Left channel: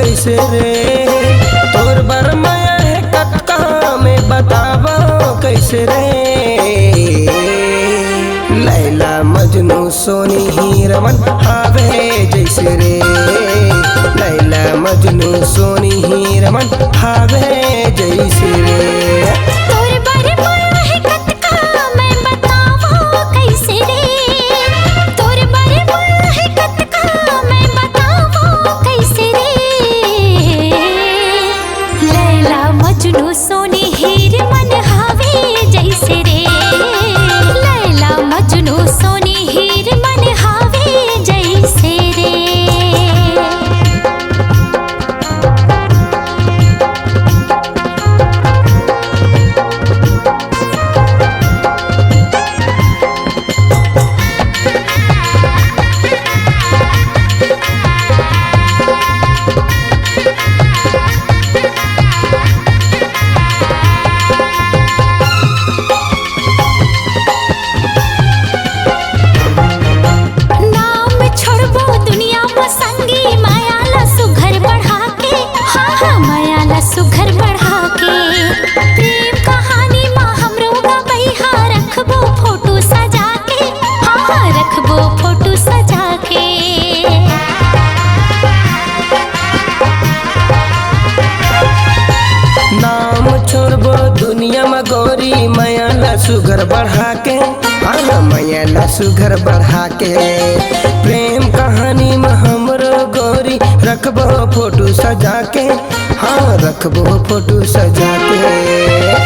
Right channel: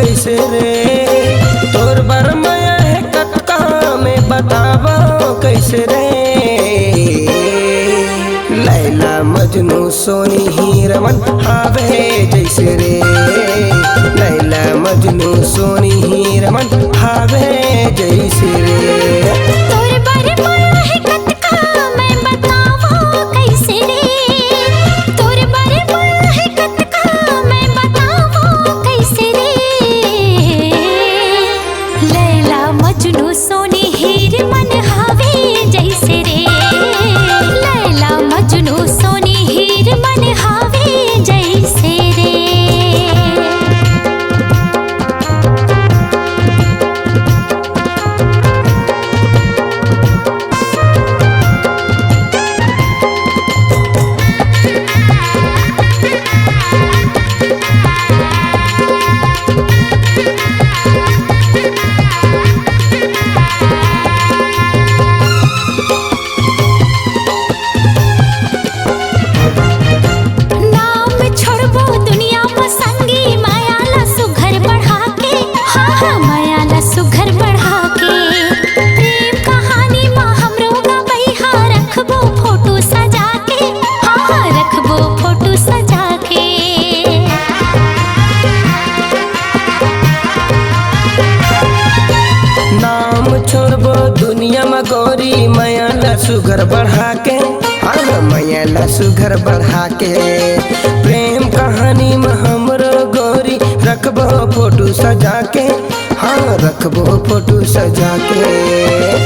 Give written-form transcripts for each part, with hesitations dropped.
कैसे रे। तोर बरमाया है कक्का में बताबो कैसे रे। लैला मजनू सोनी हीरमन हावे जैसे रे। लैला मजनू सोनी हीरमन हावे जैसे रे। तोर बरमाया है कक्का मैं बतावो कैसे रे। तोर बरमाया है कक्का मैं बतावो कैसे रे। लैला मजनू सोनी हीरमन हावे जैसे रे। लैला मजनू सोनी हीरमन हावे जैसे रे। सुघर बढ़ा के प्रेम कहानी माँ हमरो गबैहा रखबो फोटो सजा के। हाँ रखबो फोटो सजा के। नाम छोड़बो दुनिया में गोरी मैया सुघर बढ़ा के। हाँ मैया सुघर बढ़ा के प्रेम कहानी में हमरो गोरी रखबो फोटो सजा के। हाँ रखबो फोटो सजा के।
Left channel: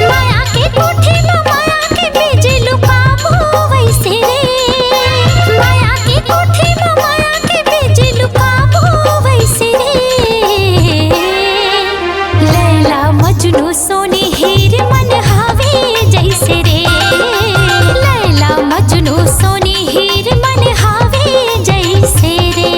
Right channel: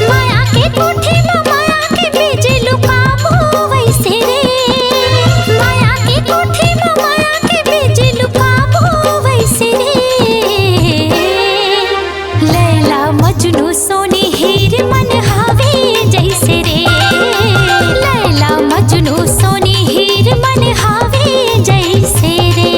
माया के कोठी में माया के बीज लुकाबो वैसे रे। माया के कोठी में माया के बीज लुकाबो वैसे रे। लैला मजनू सोनी हीरमन हावे जैसे रे। लैला मजनू सोनी हीरमन हावे जैसे रे।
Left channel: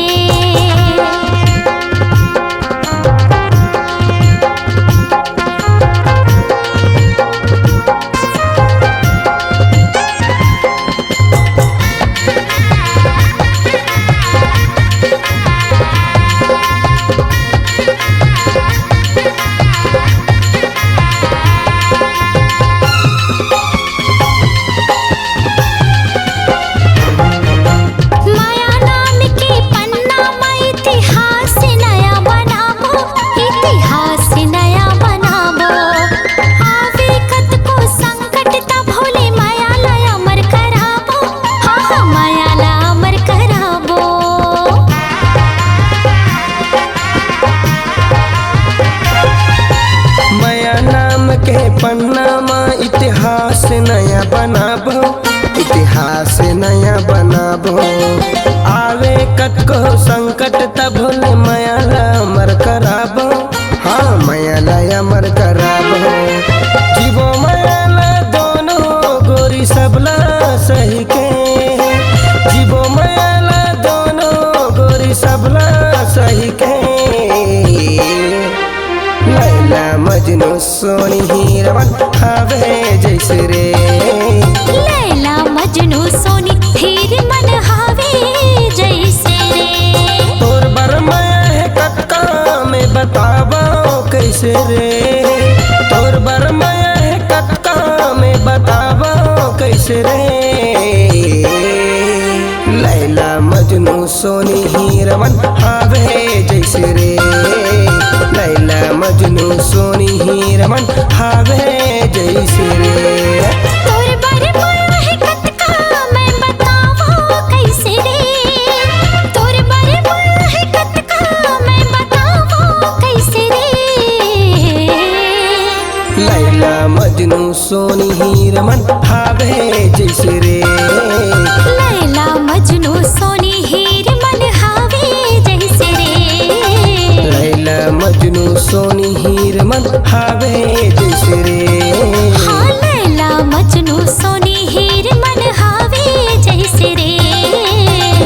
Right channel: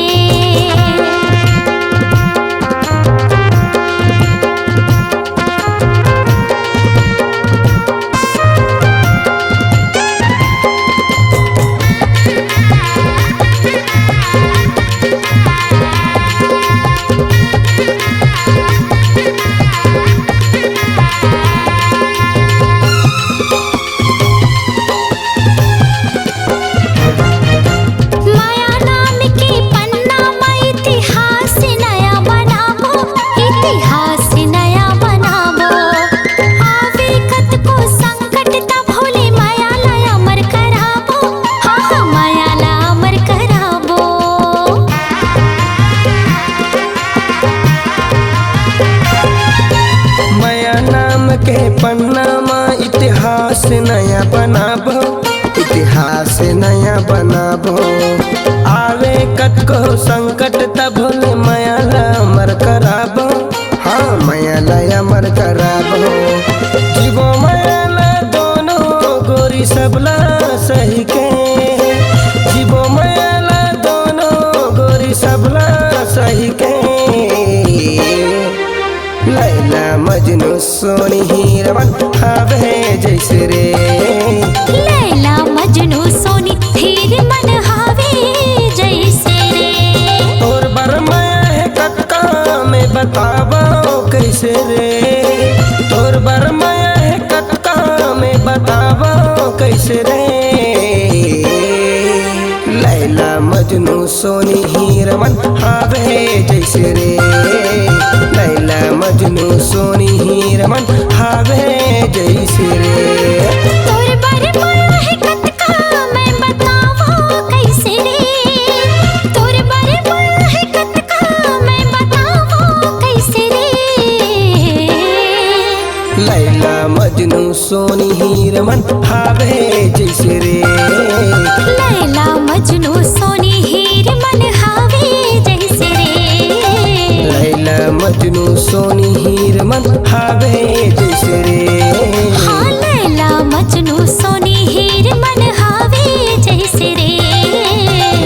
के पन्ना में इतिहास नया बनाबो। इतिहास नया बनाबो। आवे कतको संकट तब भोले मायाला अमर कराबो। हाँ मायाला अमर कराबो। जीवो मायाला दोनों गोरी सबला सही के। जीवो मायाला दोनों गोरी सबला सही के। लैला मजनू सोनी हीरमन हावे जैसे रे। लैला मजनू सोनी हीरमन हावे जैसे रे। तोर बरमाया है कक्का में बताबो कैसे रे। तोर बरमाया है कक्का में बताबो कैसे रे। लैला मजनू सोनी हीरमन हावे जैसे रे। लैला मजनू सोनी हीरमन हावे जैसे रे। तोर बरमाया है कक्का मैं बतावो कैसे रे। तोर बरमाया है कक्का मैं बतावो कैसे रे। लैला मजनू सोनी हीरमन हावे जैसे रे। लैला मजनू सोनी हीरमन हावे जैसे रे। लैला मजनू सोनी हीरमन हावे जैसे रे। हाँ लैला मजनू सोनी हीरमन हावे जैसे रे।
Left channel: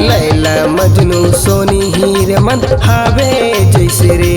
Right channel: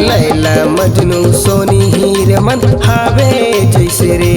लैला मजनू सोनी हीरमन हावे जैसे रे।